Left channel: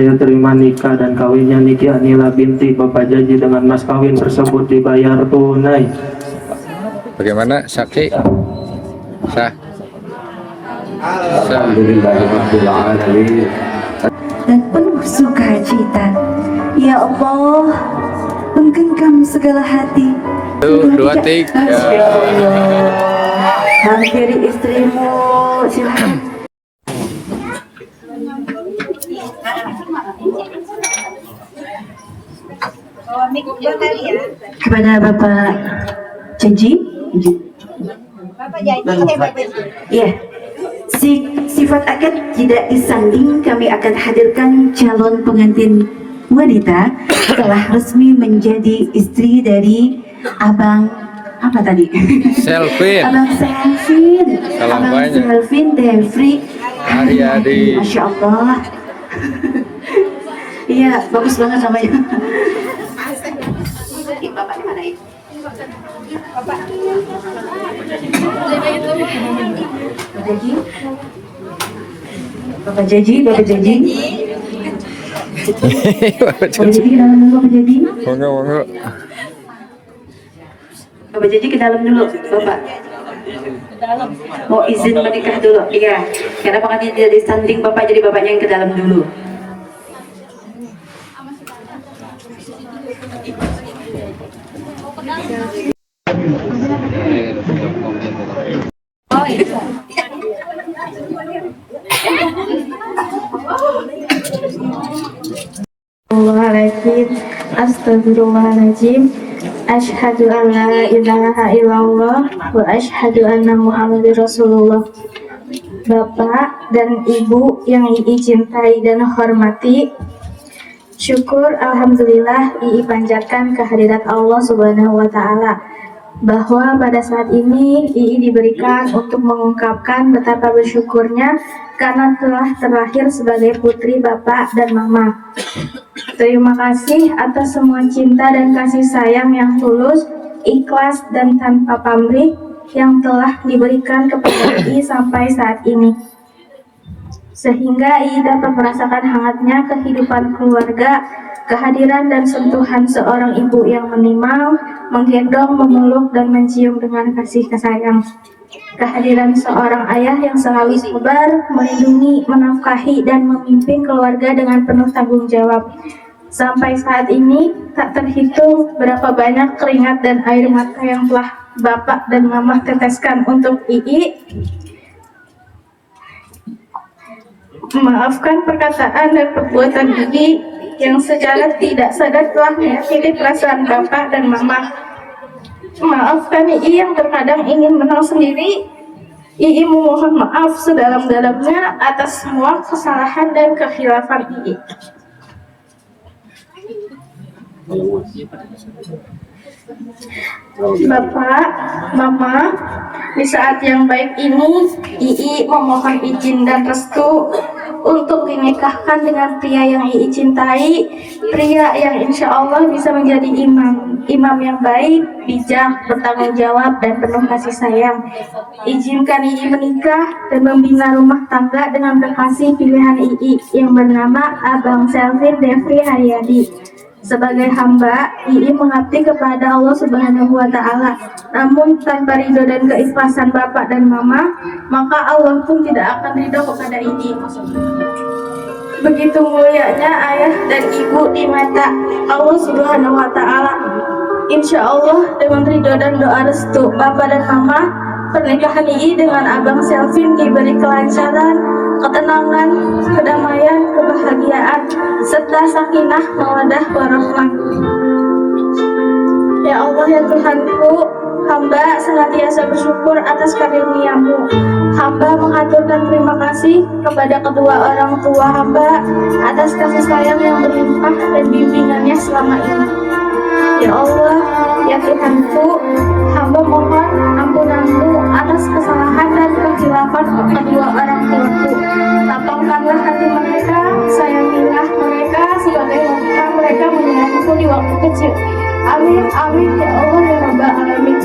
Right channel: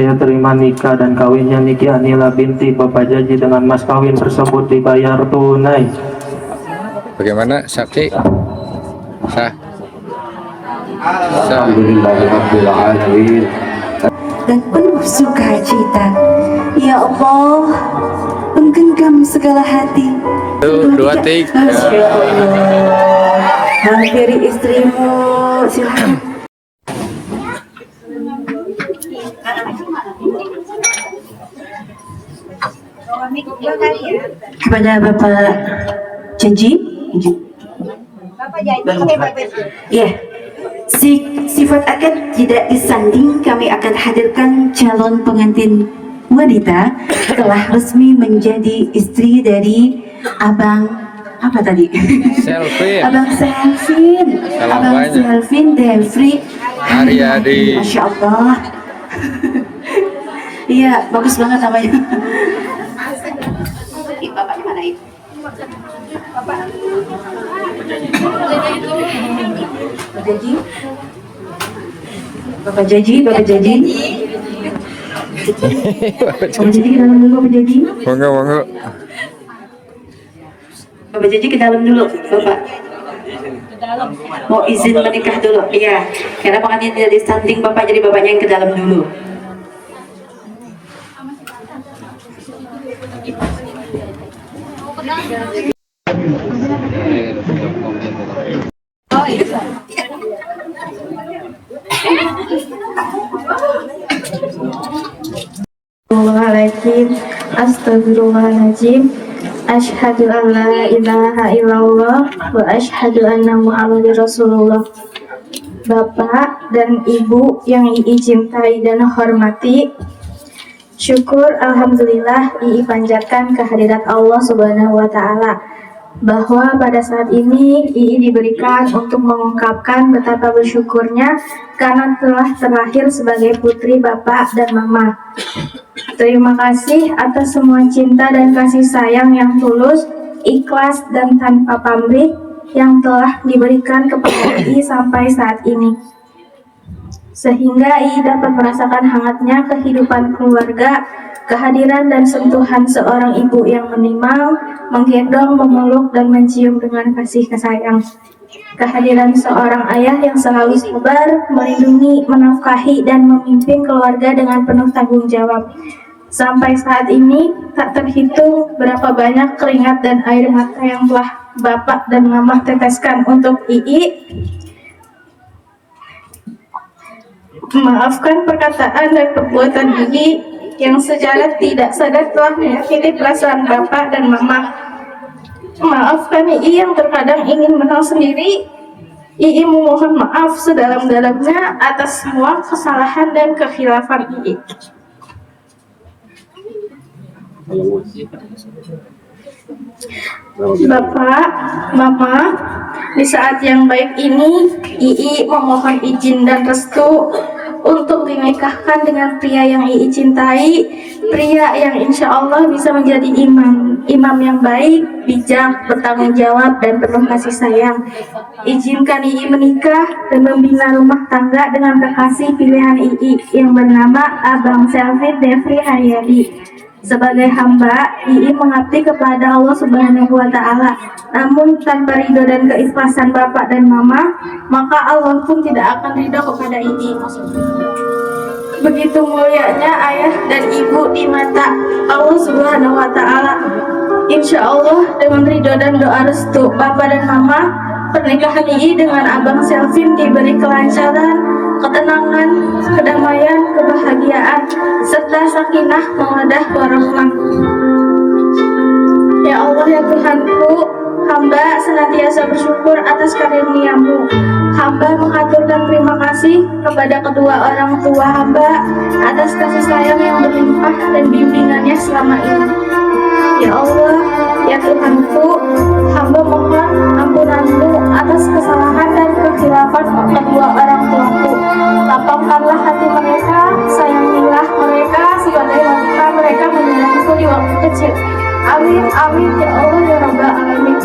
Saya terima nikah dan kawinnya Niki Anila binti Bapak Jaji dengan mas kawin tersebut dibayar tunai. Bagaimana saksi? Sah. Alhamdulillahirrahmanirrahim. Dan penuh sukacita. Ya Allah, menggenggam segala hati. Dua tiga. Hampiri istrimu, silakan. Kepada Bapak Janji. Bapak Janji. Ya, sifat akad tidak disanding. Kami akan hadirkan calon pengantin wanita telah resmi menjadi istri dari Abang apa tadi? Selvin. Abang Selvin. Salam Abang banyak. Selvin Devri Haryadi. Masya Allah. Iya, bagus banget namanya. Bapaknya mana itu? Bapak Jaji. Bapak Jaji. Bapak Jaji ke dalam dulu, Bapak Jaji. Monggo. Bapak Jaji ke dalam dulu, Bapak. Mau izin menikah dulu, iya. Karena pengantin tidak disanding Bapak, jadi Bapaknya yang ke dalam dulu. Astagfirullahaladzim. Asyhadu an la ilaha illallah wa asyhadu anna Muhammadar Rasulullah. Bapak dan Ibu yang Ii cintai dan hormati, syukur alhamdulillah Ii panjatkan kehadirat Allah Subhanahu wa taala bahwa pada saat ini Ii diberikan untuk mengungkapkan betapa bersyukurnya karena telah terlahir sebagai putri Bapak dan Mama. Terima kasih atas semua cinta dan kasih sayang yang tulus, ikhlas dan tanpa pamrih yang telah diberikan kepada Ii sampai saat ini. Sehingga Ii dapat merasakan hangatnya kehidupan keluarga, kehadiran dan sentuhan seorang ibu yang menimang, menggendong, memeluk dan mencium dengan kasih sayang. Kehadiran seorang ayah yang selalu sabar, melindungi, menafkahi dan memimpin keluarga dengan penuh tanggung jawab. Sampai saat ini tak terhitung berapa banyak keringat dan air mata yang telah Bapak dan Mama teteskan untuk Ii. Maafkan perkataan dan perbuatan Ii yang secara tidak sadar telah menyakiti perasaan Bapak dan Mama. Maafkan Ii yang terkadang ingin menang sendiri. Ii memohon maaf sedalam-dalamnya atas semua kesalahan dan kekhilafan Ii. Bapak, Mama, di saat yang baik ini, Ii memohon izin dan restu untuk dinikahkan dengan pria yang Ii cintai, pria yang insya Allah bisa menjadi imam yang baik, bijak, bertanggung jawab, dan penuh kasih sayang. Izinkan Ii menikah dan membina rumah tangga dengan kekasih pilihan Ii yang bernama Abang Selvin Devri Haryadi. Sebagai hamba, Ii mengabdi kepada Allah Subhanahu wa taala. Namun tanpa ridho dan keikhlasan Bapak dan Mama, maka Allah pun tidak akan ridho kepada Ii. Begitu mulianya ayah dan ibu di mata Allah Subhanahu wa taala. Insya Allah dengan ridho dan doa restu Bapak dan Mama, pernikahan Ii dengan Abang Selvin diberi kelancaran, ketenangan, kedamaian, kebahagiaan, serta sakinah, mawaddah, warahmah. Ya Allah ya Tuhanku, hamba senantiasa bersyukur atas karunia-Mu. Hamba mengaturkan terima kasih kepada kedua orang tua hamba atas kasih sayang yang berlimpah dan bimbingannya selama ini. Ya Allah, ya Tuhanku, hamba mohon ampunan-Mu atas kesalahan dan kekhilafan kedua orang tuaku. Lapangkanlah hati mereka, sayangilah mereka sebagaimana mereka menyayangiku di waktu kecil. Amin, amin, ya Allah, ya Rabbal Alamin.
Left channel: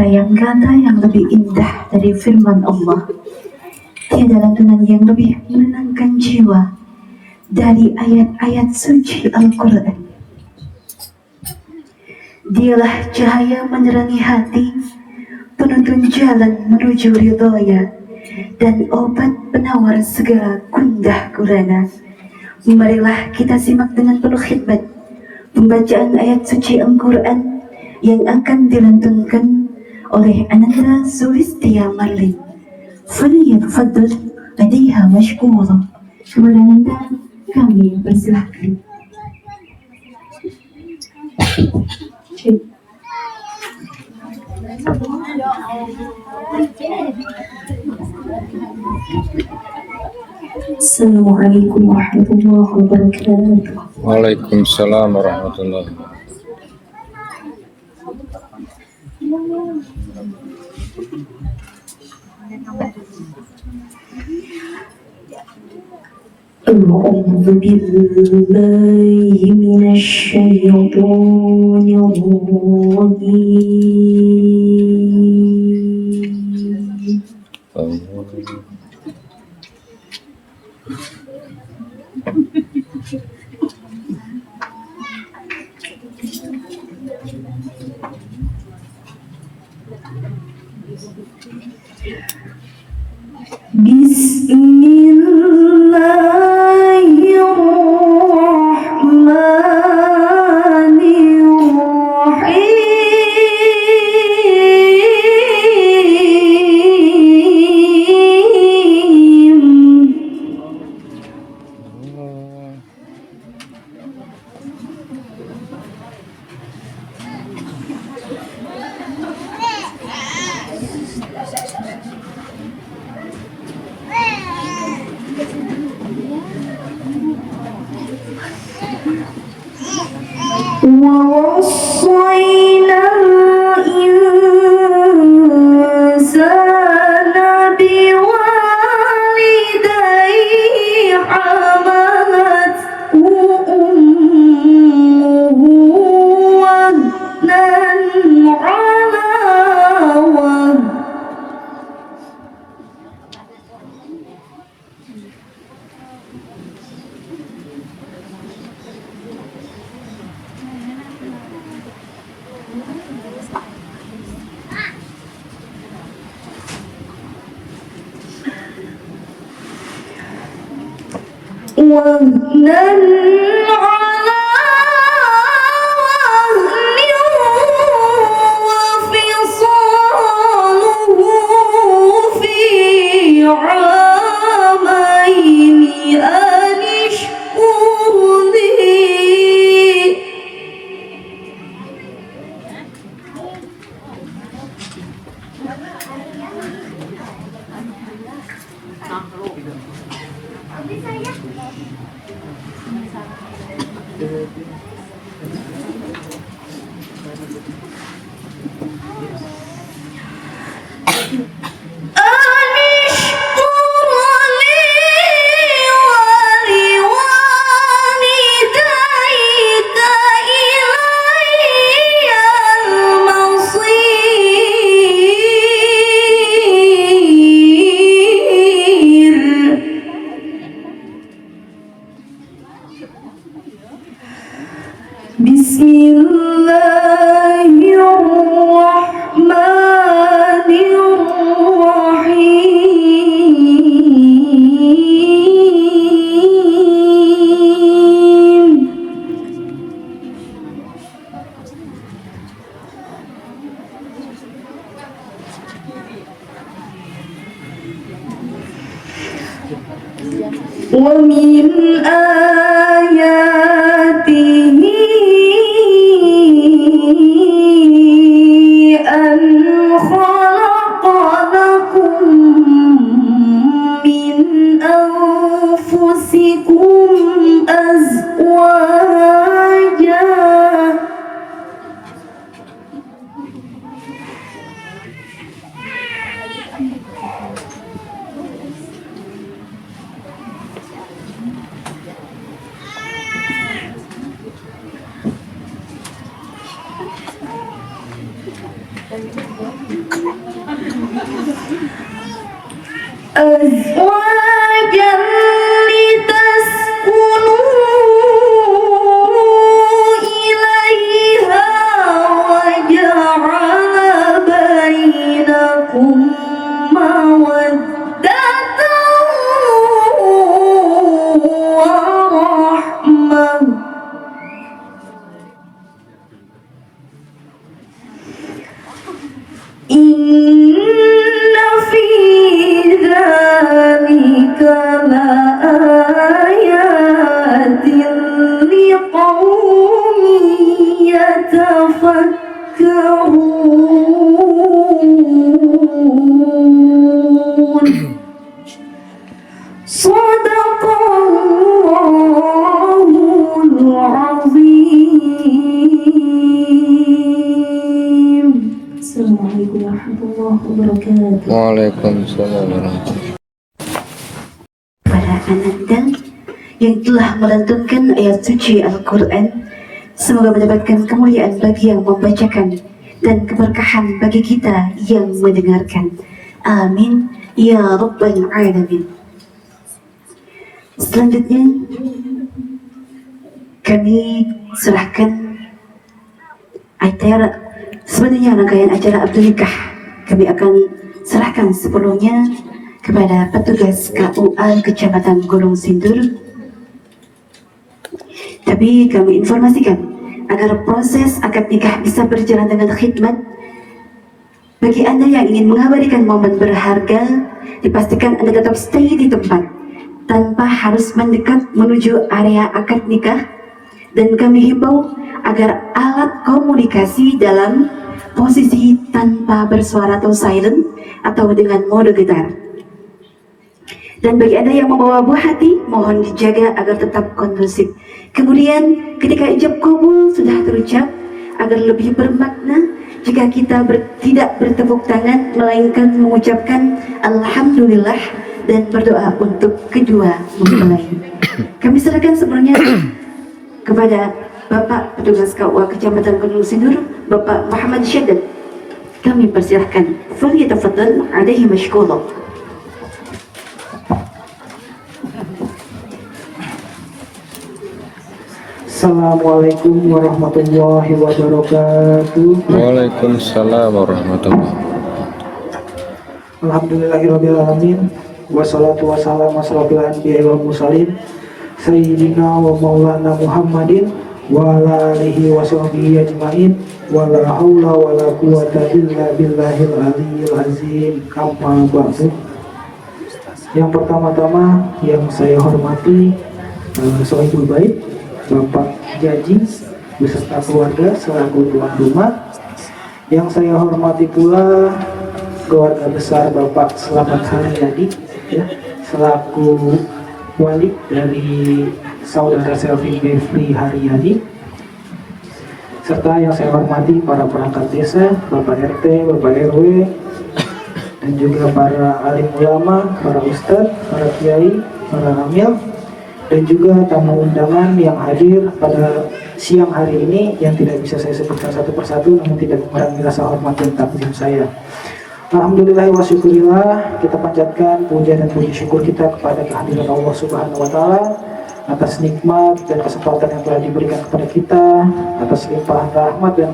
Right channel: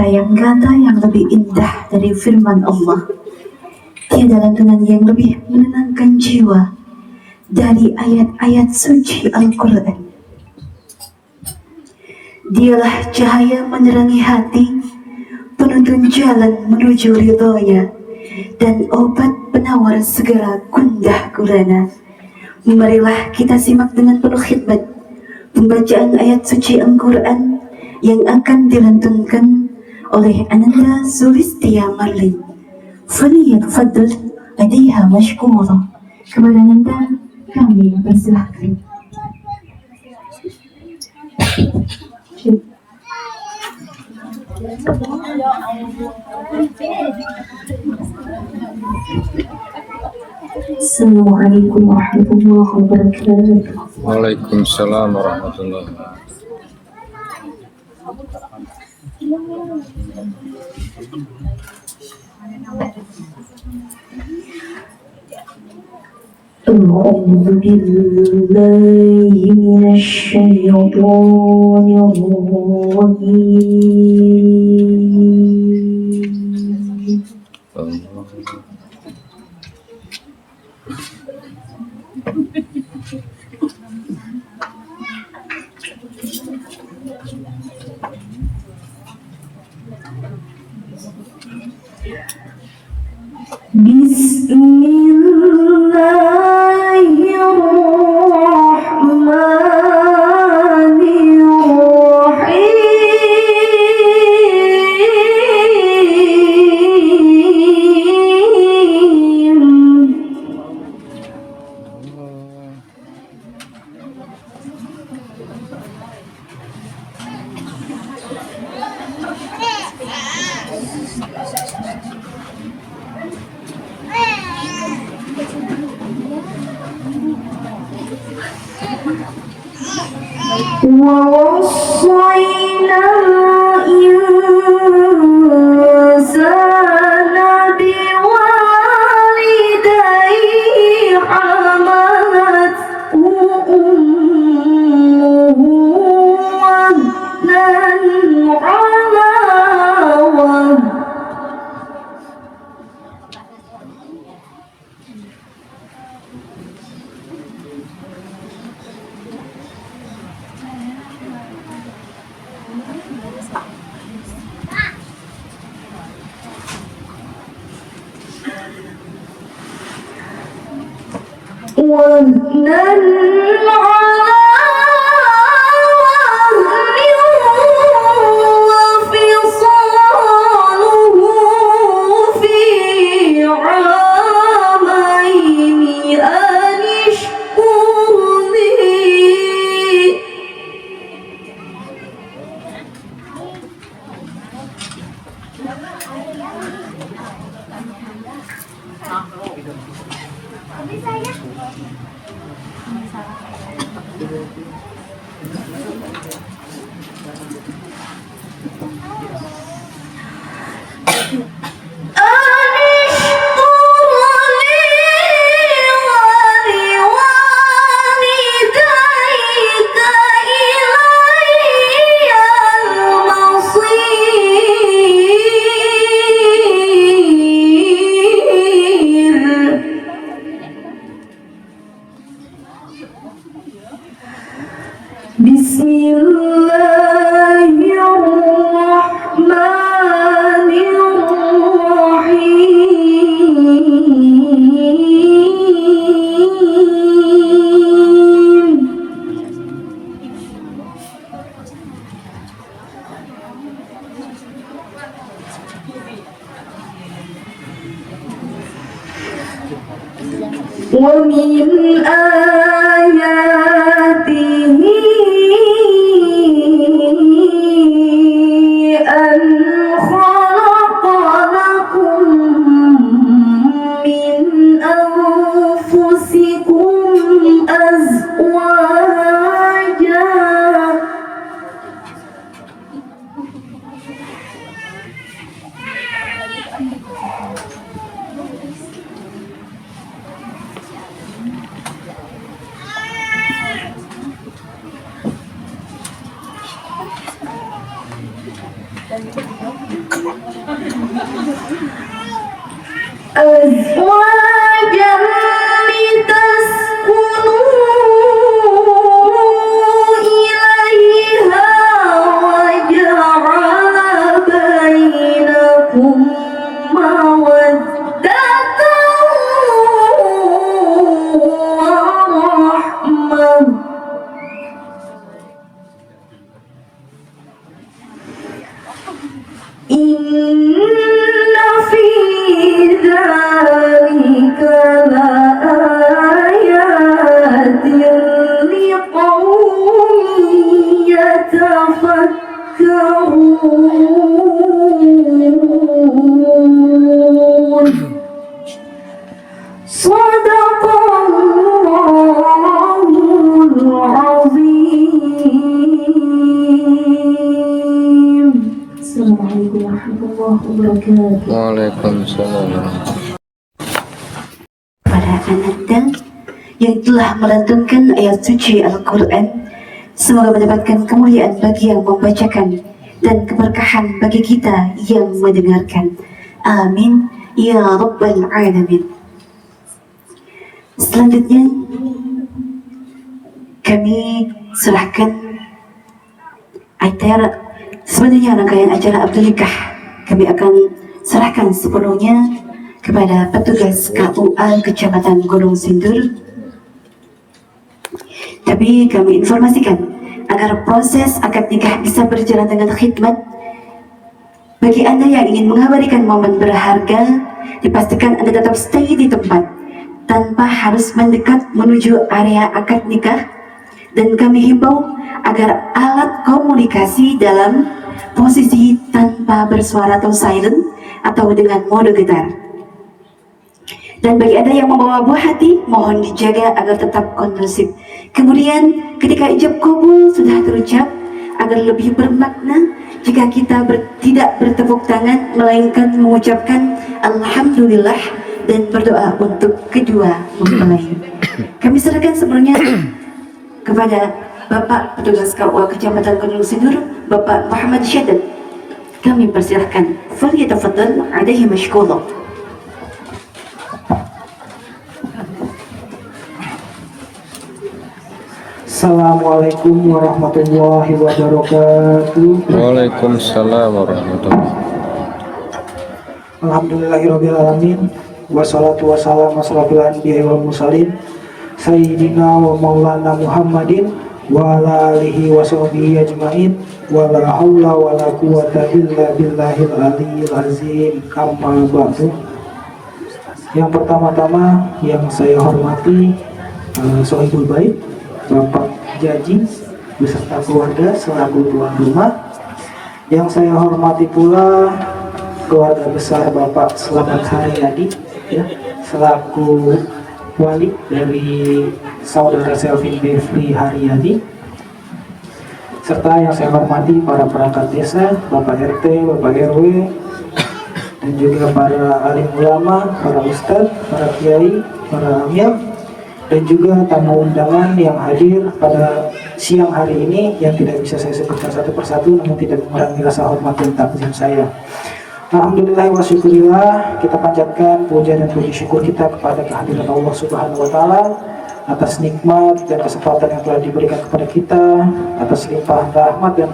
Tiada yang kata yang lebih indah dari firman Allah. Tiada lantunan yang lebih menenangkan jiwa dari ayat-ayat suci Al-Quran. Dialah cahaya menerangi hati, penuntun jalan menuju ridhonya, dan obat penawar segala gundah gulana. Marilah kita simak dengan penuh khidmat pembacaan ayat suci Al-Quran yang akan dilantunkan oleh Ananda Sulistia Marlin. Falyatafadhal ladaiha mashkura. Kepada Ananda kami persilahkan. Assalamualaikum warahmatullahi wabarakatuh. Waalaikumsalam warahmatullahi wabarakatuh. أعوذ بالله من الشيطان الرجيم. ووصينا الإنسان بوالديه حملته أمه وهنا على وهن. وهنا على وهن وفصاله في عامين أن اشكر لي. ومن آياته أن خلق لكم من أنفسكم أزواجا أزواجا لتسكنوا إليها وجعل بينكم مودة ورحمة إن في ذلك لآيات لقوم يتفكرون صدق الله العظيم. Assalamualaikum warahmatullahi wabarakatuh. Waalaikumsalam warahmatullahi Pada Anda yang telah melantunkan ayat suci Al-Quran, semoga mendapatkan kemuliaan bagi yang membacakan dan keberkahan bagi kita yang mendengarkan. Amin ya Rabbal Alamin. Selanjutnya kami serahkan acara, sebenarnya rangkaian acara akad nikah kami akan serahkan sepenuhnya kepada petugas KUA Kecamatan Gunung Sindur. Tapi kami informasikan agar proses akad nikah bisa berjalan dengan khidmat. Bagi Anda yang ingin mengabadikan momen berharga, dipastikan Anda tetap stay di tempat tanpa harus mendekat menuju area akad nikah, dan kami himbau agar alat komunikasi dalam posisi tanpa bersuara atau silent atau dengan mode getar. Dan bagi Anda yang membawa buah hati, mohon dijaga agar tetap kondusif. Kemudian ketika ijab kabul sudah terucap, agar lebih bermakna jika kita tidak bertepuk tangan, melainkan mengucapkan Alhamdulillah dan berdoa untuk kedua mempelai. Kami serahkan sebelumnya kepada Bapak Petugas KUA Kecamatan Gunung Sindur, Bapak Muhammad Syadad. Kami persilahkan. Falyatafadhal alaihi mashkura. Assalamualaikum warahmatullahi wabarakatuh. Waalaikumsalam warahmatullahi Alhamdulillahirabbil alamin. Wassalatu wassalamu ala anbiya'i wal mursalin sayyidina wa maulana Muhammadin wa ala alihi wa sahbihi ajmain wa la haula wa la quwwata illa billahil aliyyil azim. Amma ba'du. Yang pertama-tama yang saya hormati Sohibul Bait Bapak Jaji beserta keluarga selaku tuan rumah. Yang saya hormati pula keluarga besar Bapak Selamat Haryadi ya, selaku wali dari saudara Selvin Devri Haryadi, serta yang saya hormati para perangkat desa, Bapak RT, Bapak RW, dan juga para alim ulama, para ustadz, para kiai, para amil, dan juga tamu undangan yang hadir pada siang hari ini yang tidak bisa saya sebutkan satu persatu, namun tidak mengurangi rasa hormat dan takzim saya. Alhamdulillah wa syukurillah, kita panjatkan puja dan puji syukur kita kepada kehadiran Allah Subhanahu wa Ta'ala atas nikmat dan kesempatan yang telah diberikan kepada kita, atas limpahan rahmat dan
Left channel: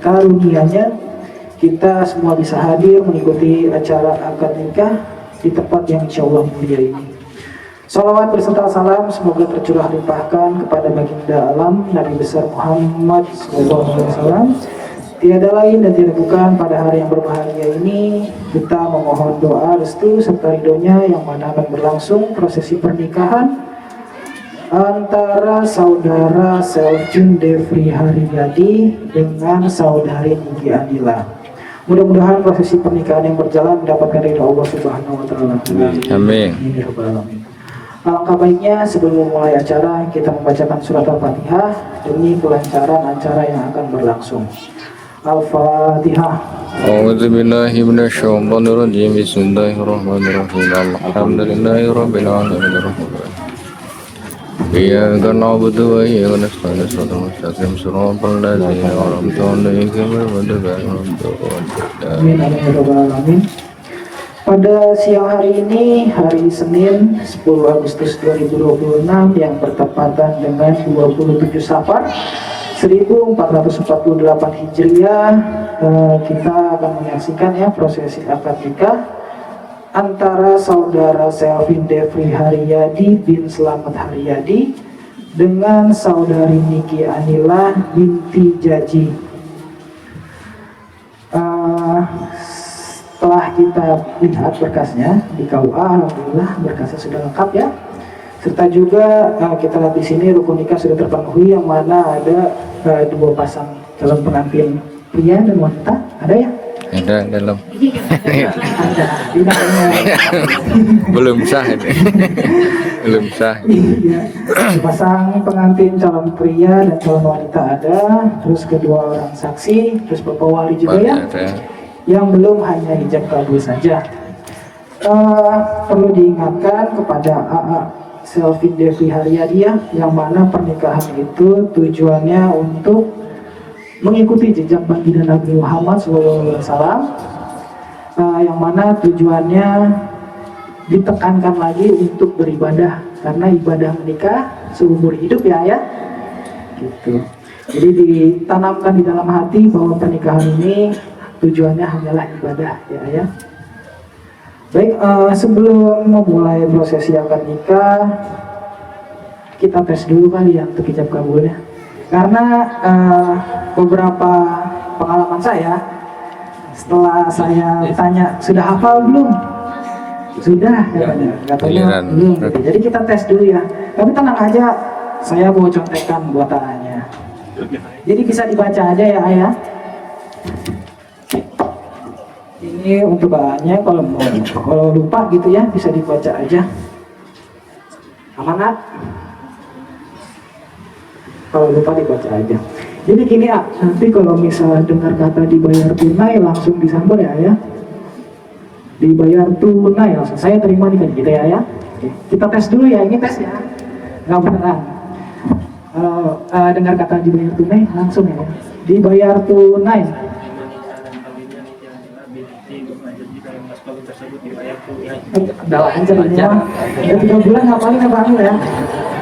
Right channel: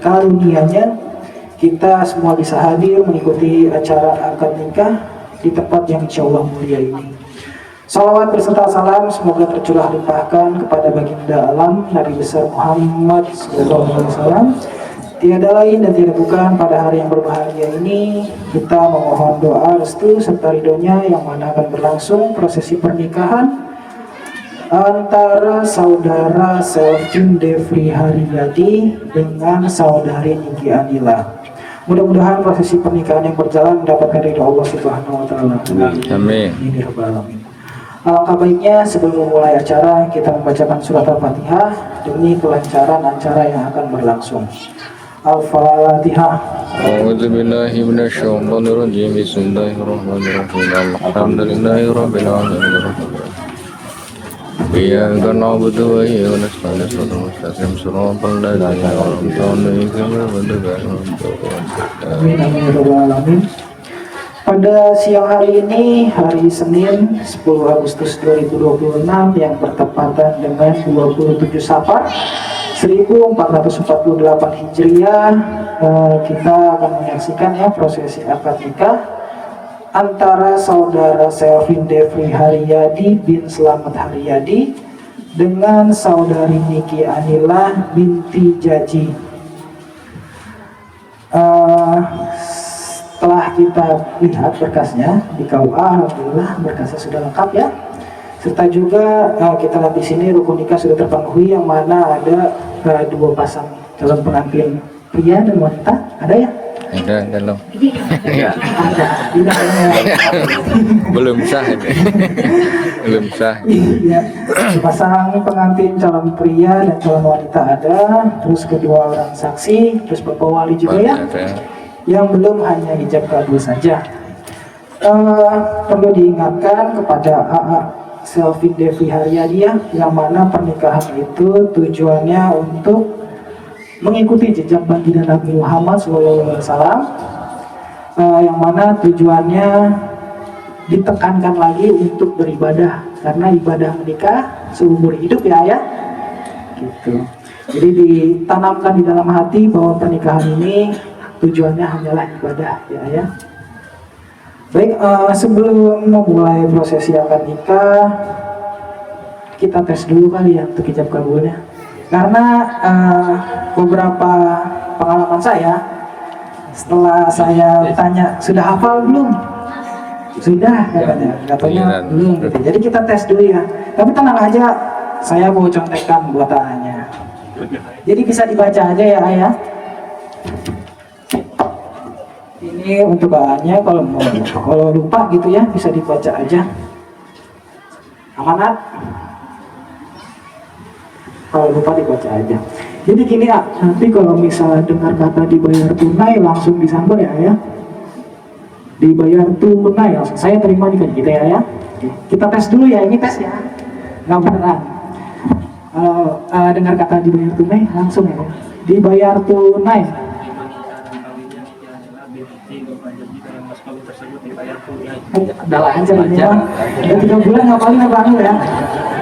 karunia-Nya kita semua bisa hadir mengikuti acara akad nikah di tempat yang insya Allah mulia ini. Salawat beserta salam semoga tercurah limpahkan kepada baginda alam Nabi besar Muhammad SAW. Tiada lain dan tidak bukan pada hari yang berbahagia ini kita memohon doa restu serta ridhonya yang mana akan berlangsung prosesi pernikahan antara saudara Selvin Devri Haryadi dengan saudari Niki Anila. Mudah-mudahan prosesi pernikahan yang berjalan mendapatkan ridho Allah Subhanahu wa Ta'ala. Amin. Alangkah baiknya sebelum mulai acara kita membacakan surat Al-Fatihah demi kelancaran acara yang akan berlangsung. Al-Fatihah. A'udzu billahi minasyaitonir rajim. Bismillahirrahmanirrahim. Alhamdulillahirabbil alamin. إياك نعبد وإياك نستعين صراط المستقيم صراط الذين أنعمت عليهم غير المغضوب عليهم ولا الضالين. Amin amin ya rabbal alamin. Pada siang hari ini, hari Senin 10 Agustus 2026 yang bertepatan dengan 27 Safar 1448 Hijriah, kita akan menyaksikan ya prosesi akad nikah antara saudara Selvin Devri Haryadi bin Slamet Haryadi dengan saudari Niki Anila binti Jaji. Setelah kita lihat berkasnya di KUA, alhamdulillah berkasnya sudah lengkap ya. Serta juga kita lihat di sini rukun nikah sudah terpenuhi, yang mana ada dua pasang calon pengantin pria dan wanita. Ada ya? Ada dalam. Ada. Belum sah ini. Belum sah. Iya. Pasang pengantin calon pria dan calon wanita ada, terus kedua orang saksi, terus bapak wali juga ya. Ada. Yang belum hanya ijab kabul saja. Perlu diingatkan kepada AA Selvin Devri Haryadi yang mana pernikahan itu tujuannya untuk mengikuti jejak baginda Nabi Muhammad SAW, yang mana tujuannya ditekankan lagi untuk beribadah, karena ibadah menikah seumur hidup ya. Gitu. Jadi ditanamkan di dalam hati bahwa pernikahan ini tujuannya hanyalah ibadah ya. Baik, sebelum memulai prosesi akad nikah, kita tes dulu kali ya untuk ijab kabulnya. Karena beberapa pengalaman saya, setelah saya tanya sudah hafal belum? Sudah katanya belum. Jadi kita tes dulu ya. Tapi tenang aja, saya mau contekan buat anaknya. Jadi bisa dibaca aja ya ayah. Ini untuk bahannya, kalau lupa gitu ya bisa dibaca aja. Amanat? Kalau lupa dibaca aja. Jadi gini ya, nanti kalau misalnya dengar kata dibayar tunai langsung disambut ya. Dibayar tunai langsung saya terima nih gitu ya. Oke. Kita tes dulu ya, ini tes ya. Nggak beneran. Dengar kata dibayar tunai langsung ya. Dibayar tunai. Udah lancar ini ya. Udah 3 bulan ngapalin abang ya.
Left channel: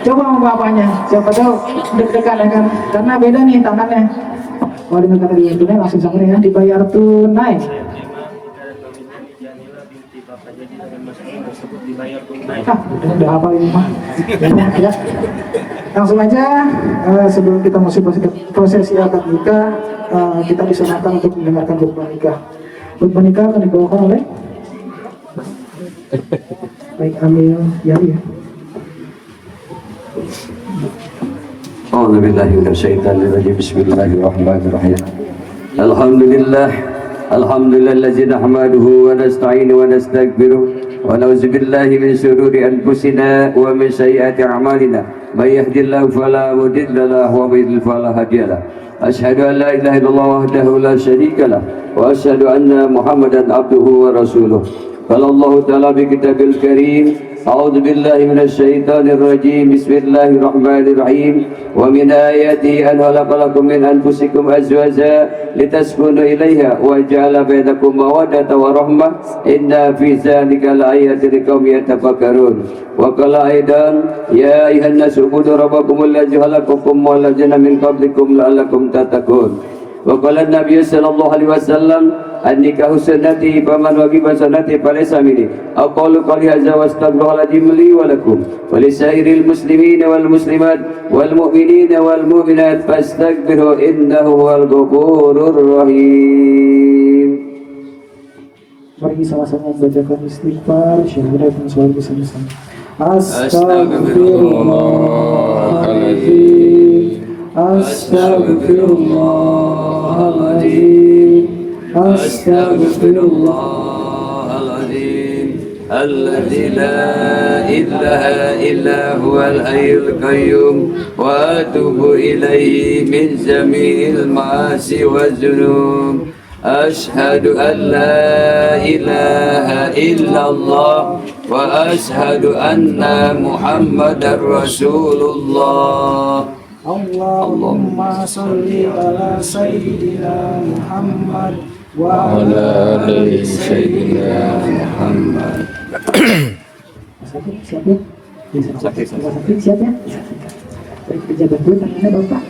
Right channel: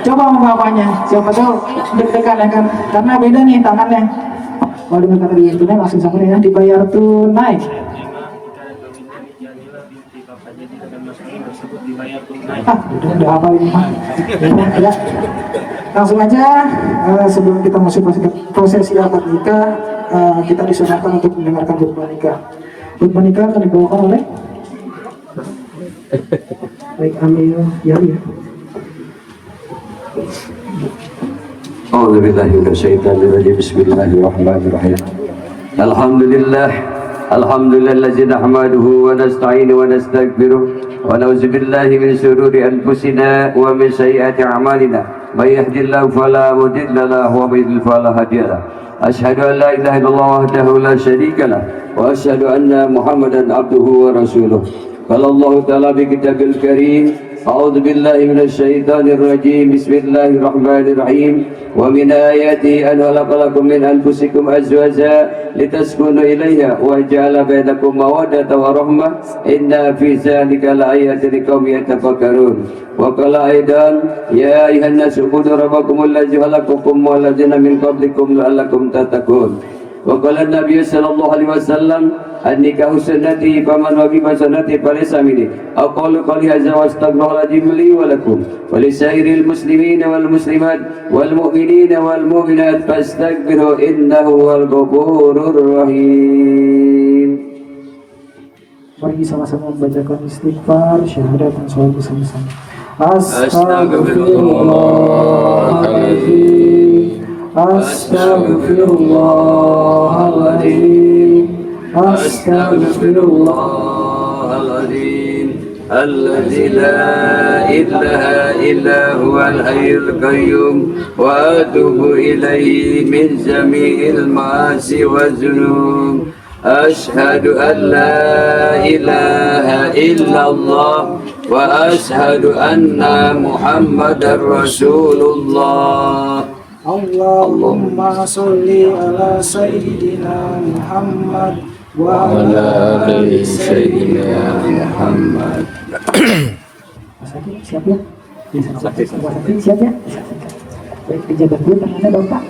Coba sama bapaknya, siapa tahu deg-degan ya kan. Karena beda nih tangannya. Kalau dengan kata dibayar tunai langsung sama ya. Dibayar tunai. Udah apa ini mah. Ya. Langsung aja sebelum kita masuk prosesi akad nikah, kita disunahkan untuk mendengarkan khutbah nikah. Khutbah nikah akan dibawakan oleh baik Amil Yahya. أعوذ بالله من الشيطان الرجيم بسم الله الرحمن الرحيم الحمد لله الذي نحمده ونستعينه ونستغفره ونعوذ بالله من شرور أنفسنا ومن سيئات أعمالنا من يهد الله فلا مضل له ومن يضلل فلا هادي له أشهد أن لا إله إلا الله وحده لا شريك له وأشهد أن محمدا عبده ورسوله قال الله تعالى في كتابه الكريم أعوذ بالله من الشيطان الرجيم بسم الله الرحمن الرحيم ومن آياته أن خلق لكم من أنفسكم أزواجا لتسكنوا إليها وجعل بينكم مودة ورحمة إن في ذلك لآيات لقوم يتفكرون وقال أيضا يا أيها الناس اعبدوا ربكم الذي خلقكم والذين من قبلكم لعلكم تتقون وقال النبي صلى الله عليه وسلم النكاح سنتي فمن وجب سنتي فليس مني أقول قولي هذا واستغفر العظيم لي ولكم ولسائر المسلمين والمسلمات والمؤمنين والمؤمنات فاستغفروا إنه هو الغفور الرحيم. Mari sama-sama membacakan istighfar, syahadat dan salawat bersama-sama. Astagfirullahaladzim. Astagfirullahaladzim. Astaghfirullahaladzim alladzi la ilaha illa huwal hayyul qayyum wa atubu ilaihi min jami'il ma'asi wa dzunub أشهد أن لا إله إلا الله وأشهد أن محمد رسول الله. Allahumma salli ala sayyidina Muhammad wa وعلى ala آل سيدنا محمد. Siap ya? Siap ya? Baik, pejabat dulu tangannya dong Pak.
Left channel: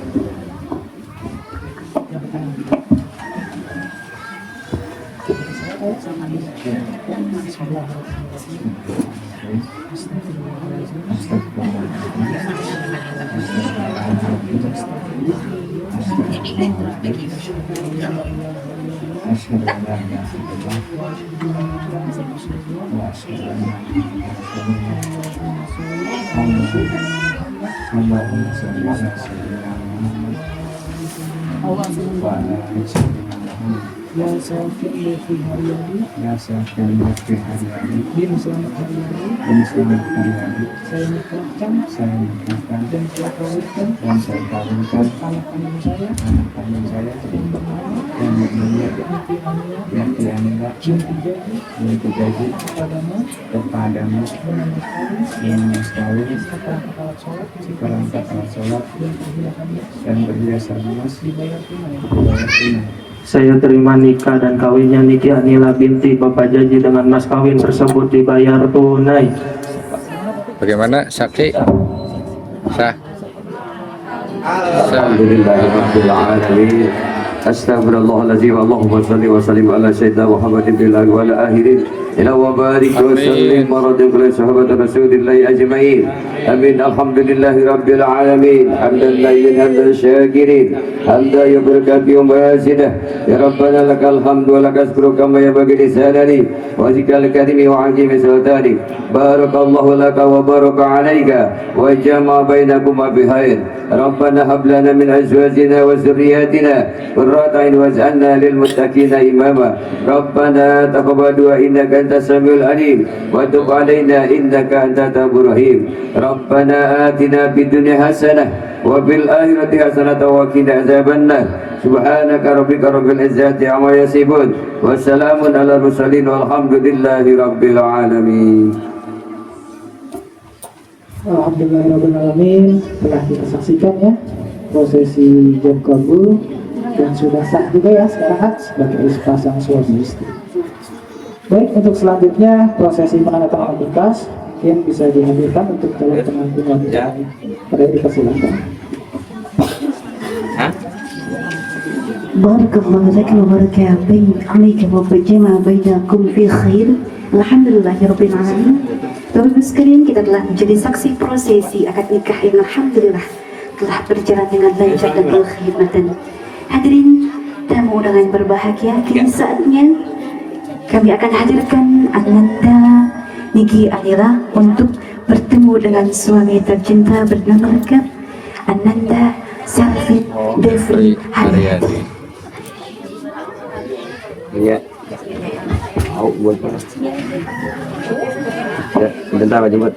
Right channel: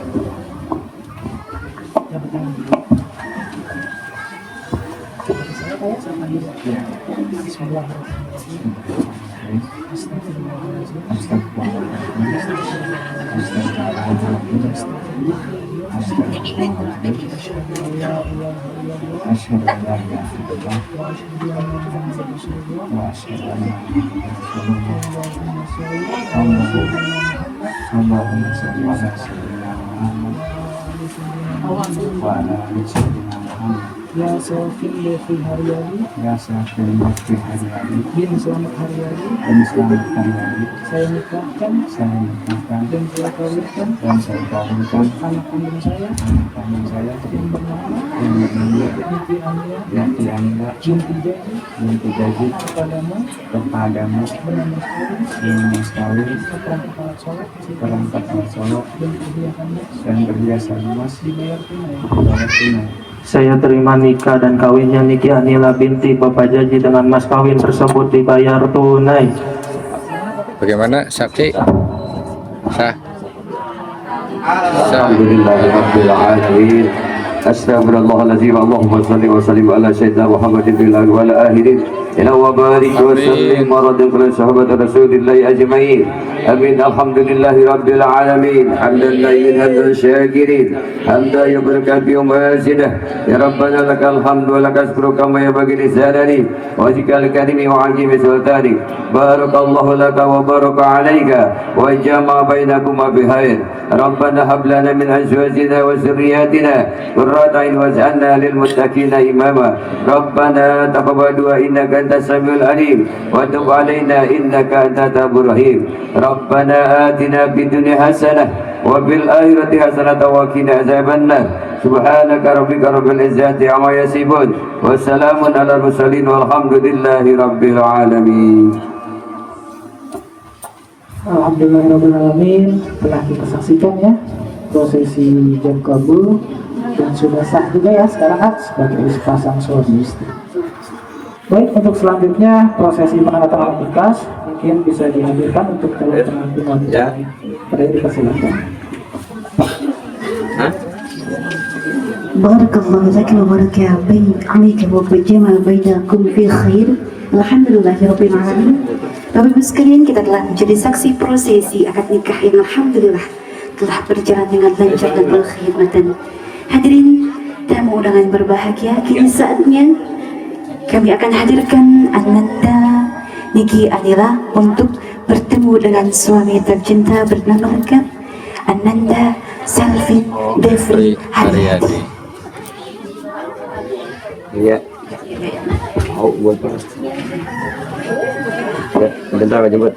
Ya Syafi'i fi haryani, Ya Syafi'i fi haryani, bin selamat haryani, dan selamat haryani, saya nikahkan saya nikahkan dan saya kawinkan dan saya kawinkan anak kandung saya anak kandung saya yang bernama yang bernama Yati Ania Yati Anila binti Jadi binti Jadi kepadamu kepadamu bernama sekali dengan sekali seperangkat sholat perangkat alat sholat dan perhiasannya dan perhiasan emas dibayar tunai. dibayar tunai. Saya terima nikah dan kawinnya Niki Anila binti Bapak Jaji dengan mas kawin tersebut dibayar tunai. Bagaimana saksi? Sah. Sah. Alhamdulillahirabbil alamin. Astaghfirullahaladzim. Allahumma shalli wa sallim ala sayyidina Muhammadin bil awwal wal akhirin. Ila wa barik wa sallim wa radhi ala sahabat Rasulillah ajma'in. Amin. Alhamdulillahirabbil alamin. Hamdan lillahi hamdan syakirin. Hamdan yubaraka wa mazidah. Ya Rabbana lakal hamdu wa lakal syukru kama yabghi li sanani wa zikal karimi wa azimi sultani. Barakallahu laka wa baraka alayka wa jama'a bainakuma bihair. Rabbana hab lana min azwajina wa dhurriyyatina qurrata a'yun waj'alna lil muttaqina imama. Rabbana taqabbal du'a innaka antas samiul alim wa tub 'alaina innaka antat tawwabur rahim. Rabbana atina fid dunya hasanah wa fil akhirati hasanah wa qina adzabannar. Subhanaka rabbika rabbil izzati amma yasifun wa salamun alal mursalin walhamdulillahi rabbil alamin. Alhamdulillahirrahmanirrahim. Telah kita saksikan ya prosesi jam kabul dan sudah sah juga ya sekarang sebagai sepasang suami istri. Baik, untuk selanjutnya prosesi penandatanganan nikah mungkin bisa dihadirkan untuk calon pengantin wanita. Ya. Pada dipersilakan. Barakallahu laka wa baraka alaika wa jama'a bainakum fi khair. Alhamdulillahirabbil alamin. Bapak Ibu sekalian, kita telah menjadi saksi prosesi akad nikah yang alhamdulillah telah berjalan dengan lancar dan berkhidmatan. Hadirin tamu undangan berbahagia, kini saatnya kami akan hadirkan Ananda Niki Anila untuk bertemu dengan suami tercinta bernama lengkap Ananda Selvin Devri Haryadi. Iya. Mau buat apa? Ya, bentar Pak jemput.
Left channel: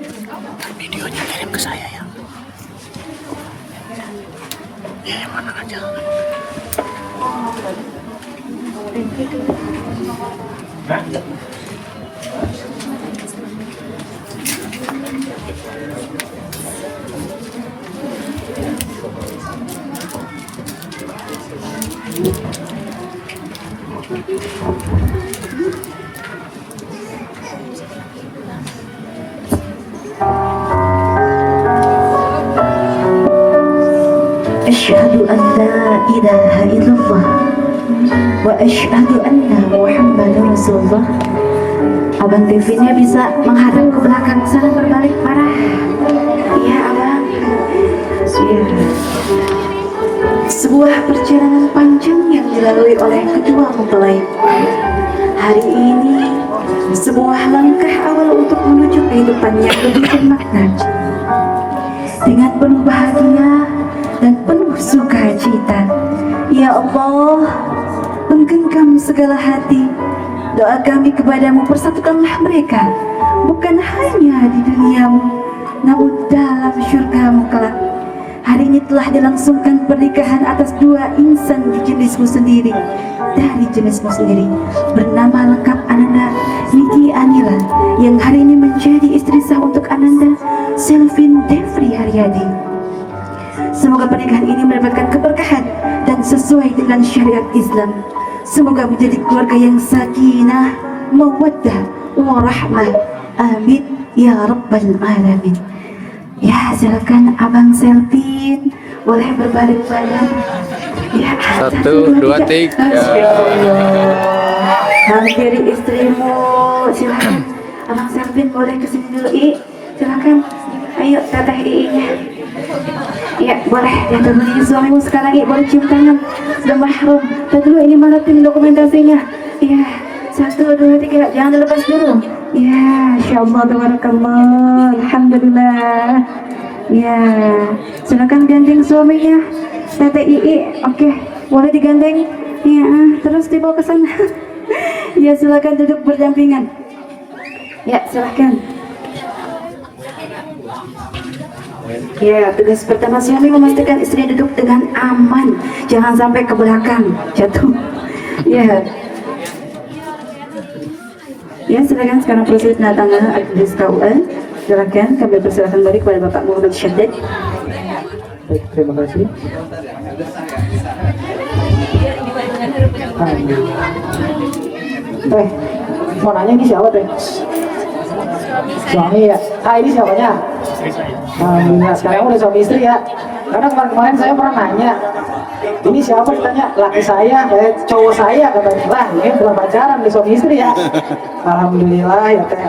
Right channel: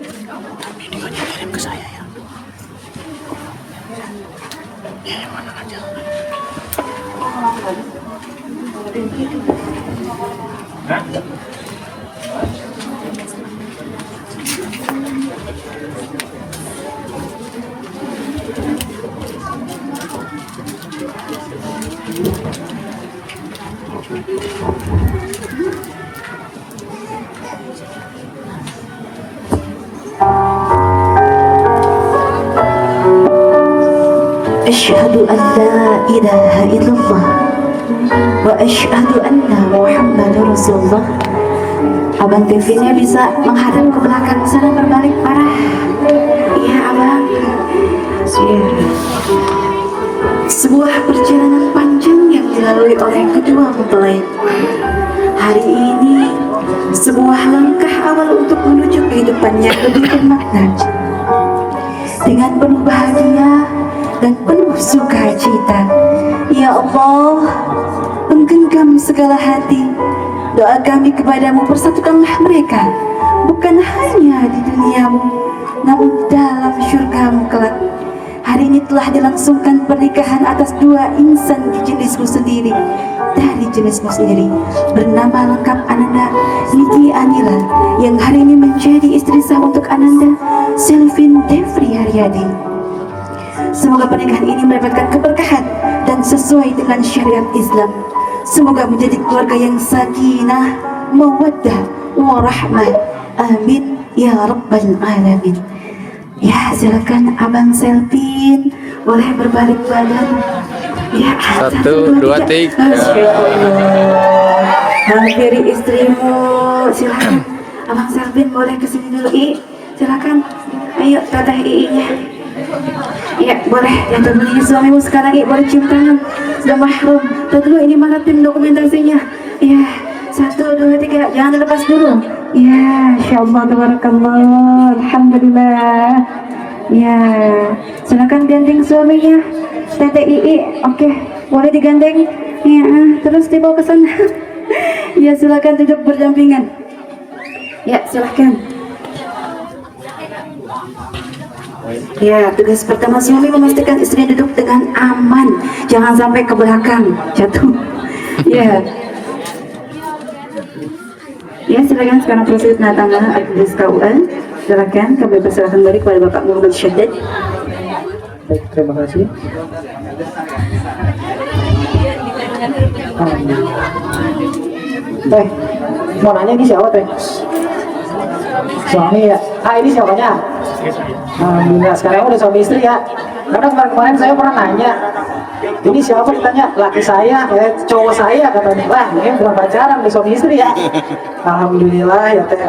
Asyhadu an la ilaha illallah wa asyhadu anna Muhammadar Rasulullah. Abang TV-nya bisa menghadap ke belakang sana berbalik parah. Ya abang. Ya. Sebuah perjalanan panjang yang dilalui oleh kedua mempelai. Hari ini sebuah langkah awal untuk menuju kehidupan yang lebih bermakna. Dengan penuh bahagia dan penuh sukacita, ya Allah, menggenggam segala hati. Doa kami kepadamu, persatukanlah mereka, bukan hanya di duniamu, namun dalam syurgamu kelak. hari ini telah dilangsungkan pernikahan atas dua insan di jenismu sendiri, dari jenismu sendiri, bernama lengkap Ananda Niki Anila, yang hari ini menjadi istri sah untuk Ananda Selvin Devri Haryadi. Semoga pernikahan ini mendapatkan keberkahan dan sesuai dengan syariat Islam. Semoga menjadi keluarga yang sakinah, mawaddah, warahmah. Amin ya rabbal alamin. Ya, silakan Abang Selvin boleh berbalik badan. Ya, 1, 2, 3. Hampiri istrimu. Silakan Abang Selvin boleh kesini dulu. Silakan. Ayo teteh nya. Ya boleh. Ya dulu suamimu sekarang boleh cium tangan. Sudah mahrum. Tadi dulu ini mana tim dokumentasinya? Ya 1, 2, 3. Jangan dilepas dulu. Ya, insyaallah, tabarakallah, alhamdulillah. Ya, silakan gandeng suaminya, Tete Ii. Oke, boleh digandeng. Ya, terus dibawa ke sana. Ya, silakan duduk berdampingan. Ya, silakan. Ya, tugas pertama suami memastikan istrinya duduk dengan aman, jangan sampai ke belakang jatuh. Ya. Ya, silakan sekarang proses penandatanganan Akdes KUA. Silakan kami persilakan kembali kepada Bapak Muhammad Syaddad. Baik, terima kasih. Baik, mau nanya ini siapa teh? Suami ya? Ini siapanya? Alhamdulillah, sekarang udah suami istri ya. Karena kemarin saya pernah nanya, ini siapa, ditanya laki saya, cowok saya, katanya. Lah, ini belum pacaran, di suami istri ya. Alhamdulillah ya teh.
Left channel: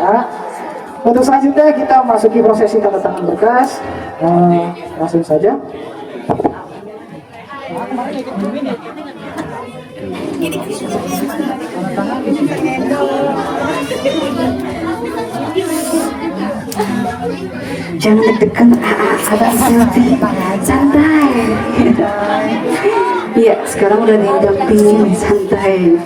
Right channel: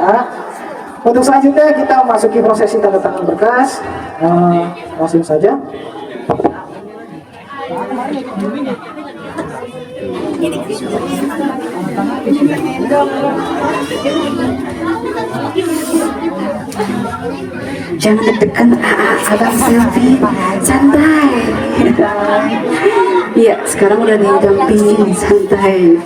Untuk selanjutnya kita masuki prosesi tanda tangan berkas. Langsung saja. Jangan deg-degan, Abang Selvin, santai. Iya, sekarang udah didampingin, santai.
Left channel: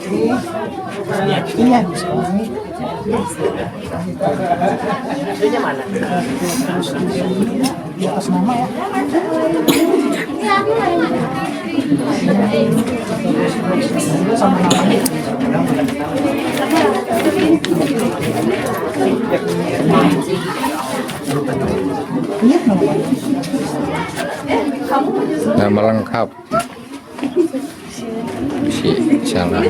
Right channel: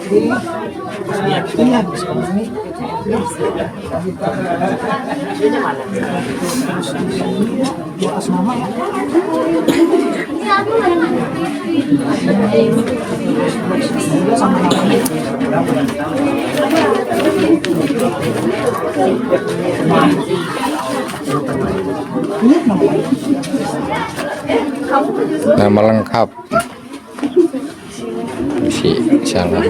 Nama lengkap si salah.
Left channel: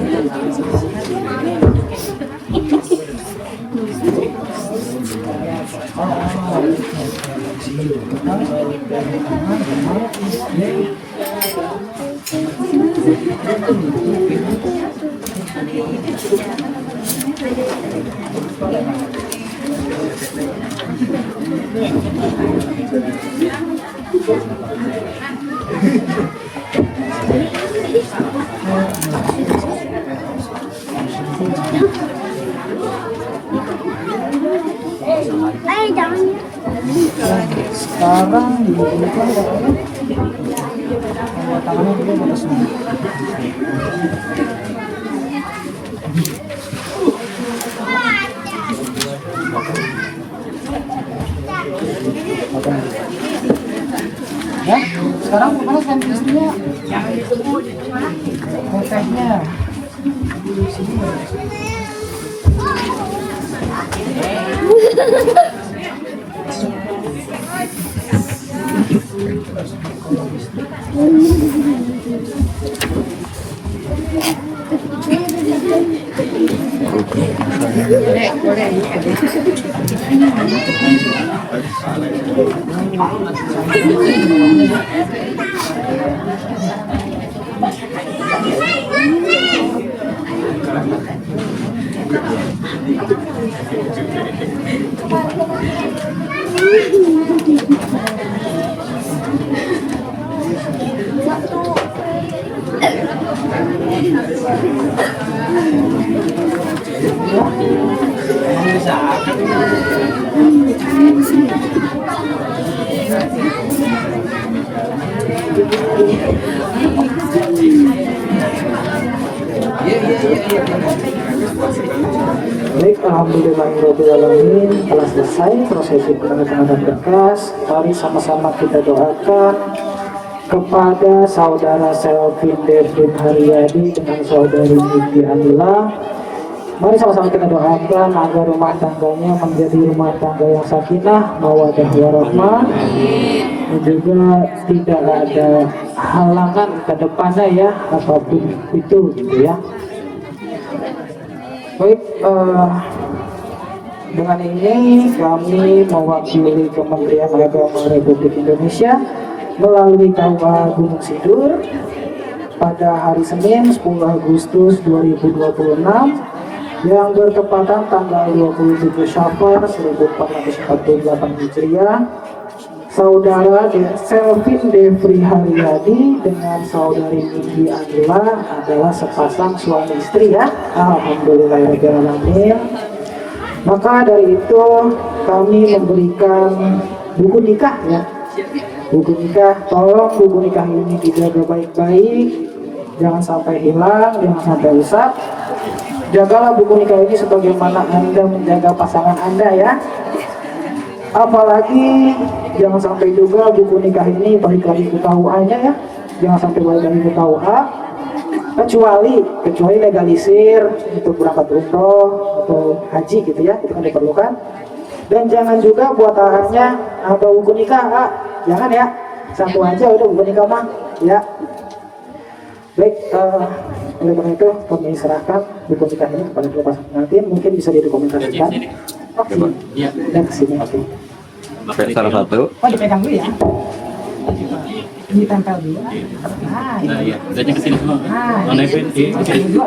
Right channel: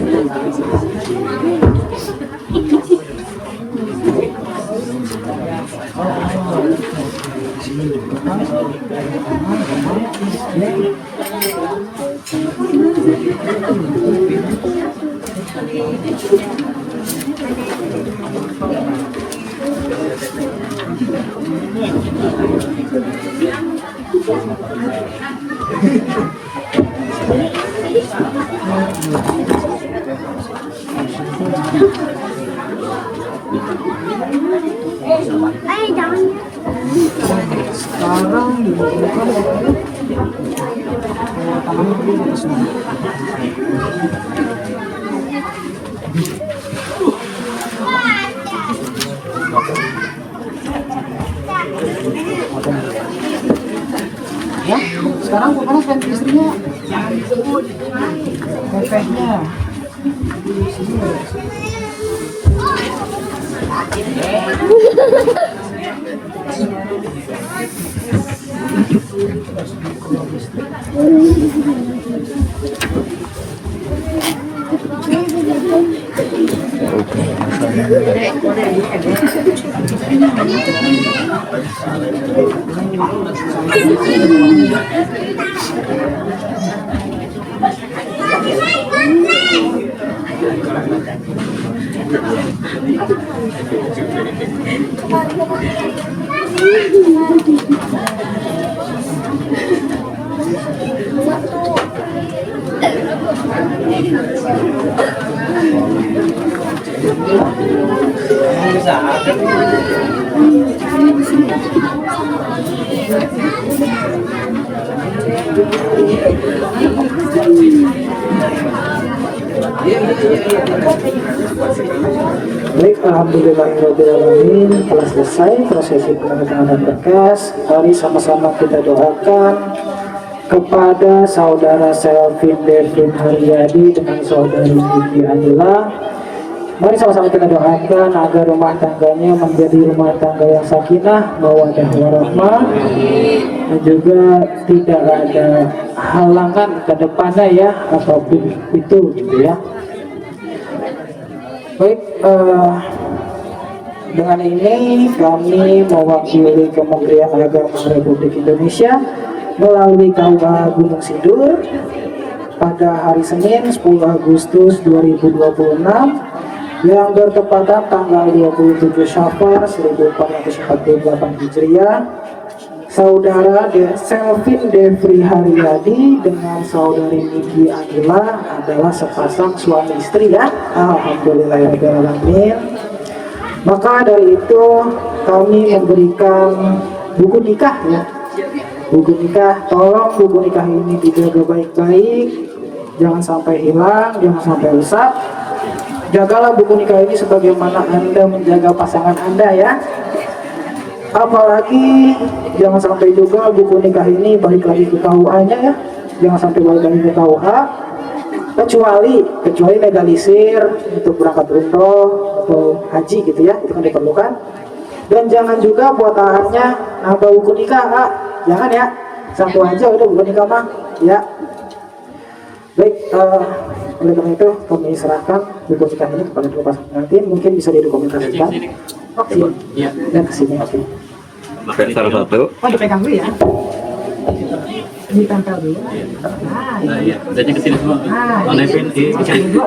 Ya, sekarang mana suami istrinya? Kokehnya. Baik, alhamdulillahirobbilalamin, telah selesai prosesi penandatanganan berkas. Mari sama-sama kita doakan kepada saudara Selvin Devin Haryadi dengan saudari Niki Anila. Mari sama-sama kita doakan agar rumah tangganya menjadi rumah tangga yang sakinah, mawaddah warahmah, dan juga tidak ada halangan ke depannya ya, apapun itu gitu ya. Baik, dengan ini kami mewakili Kementerian Agama Republik Indonesia melalui KUA Gunung Sindur pada hari Senin 10 Agustus 2026 yang bertepatan tanggal 27 Syawal 1448 Hijriah, saudara Selvin Devri Haryadi dengan saudari Niki Anila adalah sepasang suami istri ya. Alhamdulillahirrahmanirrahim. Maka dari itu kami memberikan buku nikah ya. Buku nikah, tolong buku nikah ini dijaga baik-baik, jangan sampai hilang, jangan sampai rusak. Jagalah buku nikah ini sebagaimana Anda menjaga pasangan Anda ya. Apalagi jangan sampai juga buku nikah ini balik lagi ke KUA-nya ya. Jangan sampai balik lagi ke KUA. Kecuali legalisir untuk berangkat umroh atau haji gitu ya, itu kan diperlukan. Dan jangan juga buat arahannya nambah buku nikah, jangan ya. Satu aja udah buku nikah mah ya. Baik, oleh karena itu kami serahkan buku nikah ini kepada kedua pasangan pengantin. Mungkin bisa didokumentasikan. Oke, dan kesini oke. Salah satu. Oh, dipegang dulu ya. Ditempel dulu. Iya, jadi kesini semua. Nevin di sini.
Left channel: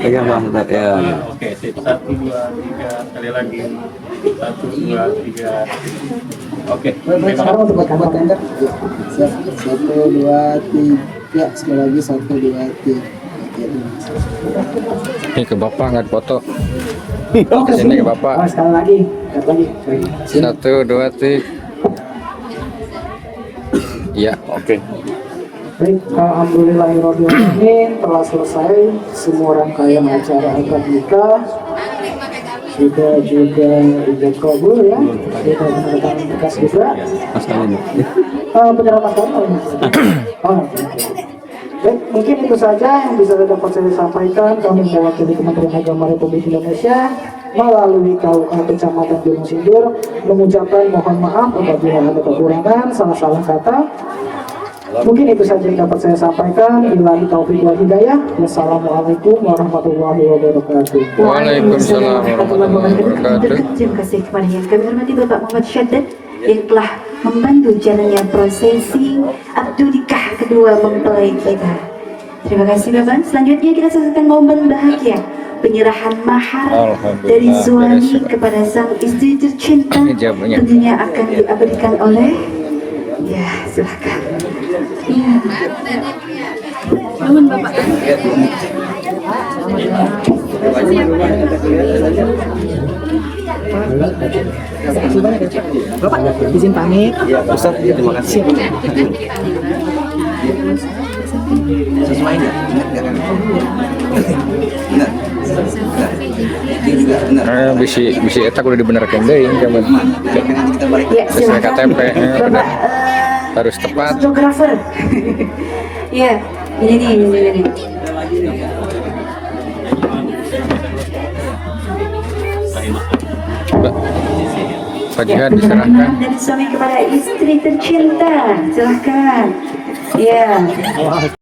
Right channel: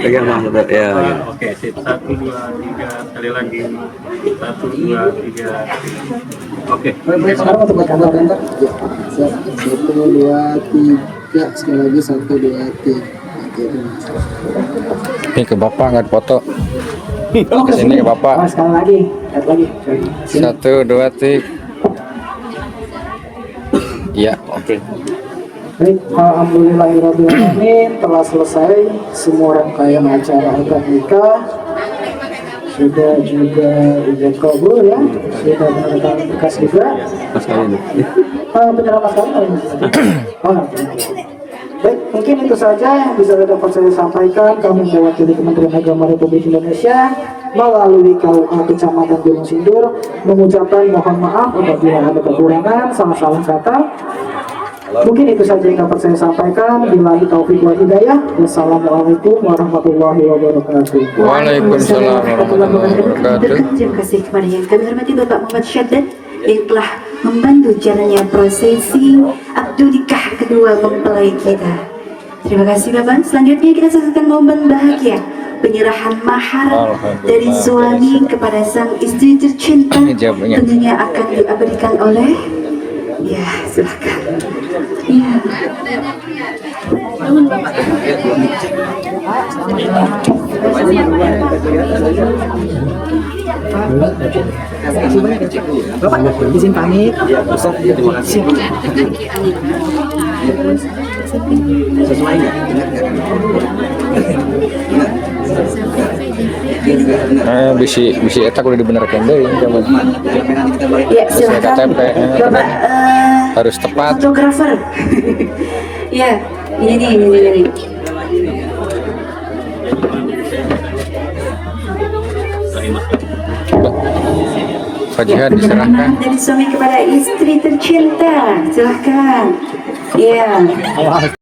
Pegang mas satu. Ya. Oke, sip. 1, 2, 3, sekali lagi. 1, 2, 3. Oke. Sekarang untuk gambar. 1, 2, 3. Sekali lagi 1, 2, 3. Ini ke bapak nggak foto. Oh, Sini ke bapak. Sekali lagi. 1, 2, 3. Ya, oke. Baik, alhamdulillahirrahmanirrahim, telah selesai semua rangkaian acara akad nikah. Sudah juga ijab kabul ya, sudah menandatangani berkas juga. Penyerahan masalah. Baik, mungkin itu saja yang bisa dapat saya sampaikan. Kami mewakili Kementerian Agama Republik Indonesia melalui KUA Kecamatan Gunung Sindur mengucapkan mohon maaf apabila ada kekurangan, salah-salah kata. Mungkin itu saja yang dapat saya sampaikan. Billahi taufiq wal hidayah. Wassalamualaikum warahmatullahi wabarakatuh. Waalaikumsalam warahmatullahi wabarakatuh. Terima kasih kepada yang kami hormati Bapak Muhammad Syaddad yang telah membantu jalannya prosesi akad nikah kedua mempelai kita. Terima kasih Bapak. Selanjutnya kita saksikan momen bahagia penyerahan mahar dari suami kepada sang istri tercinta. Tentunya akan diabadikan oleh ya, silakan. Ya. Namun Bapak. Bapak, izin pamit. Ustaz, terima kasih. Sesuai nggak? Bisi eta kudu dibenerkeun deui kamu. Sesuai KTP benar. Harus tepat. Fotografer. Ya, ini. Pak Jihad diserahkan. Dan suami kepada istri tercinta, silakan. Ya.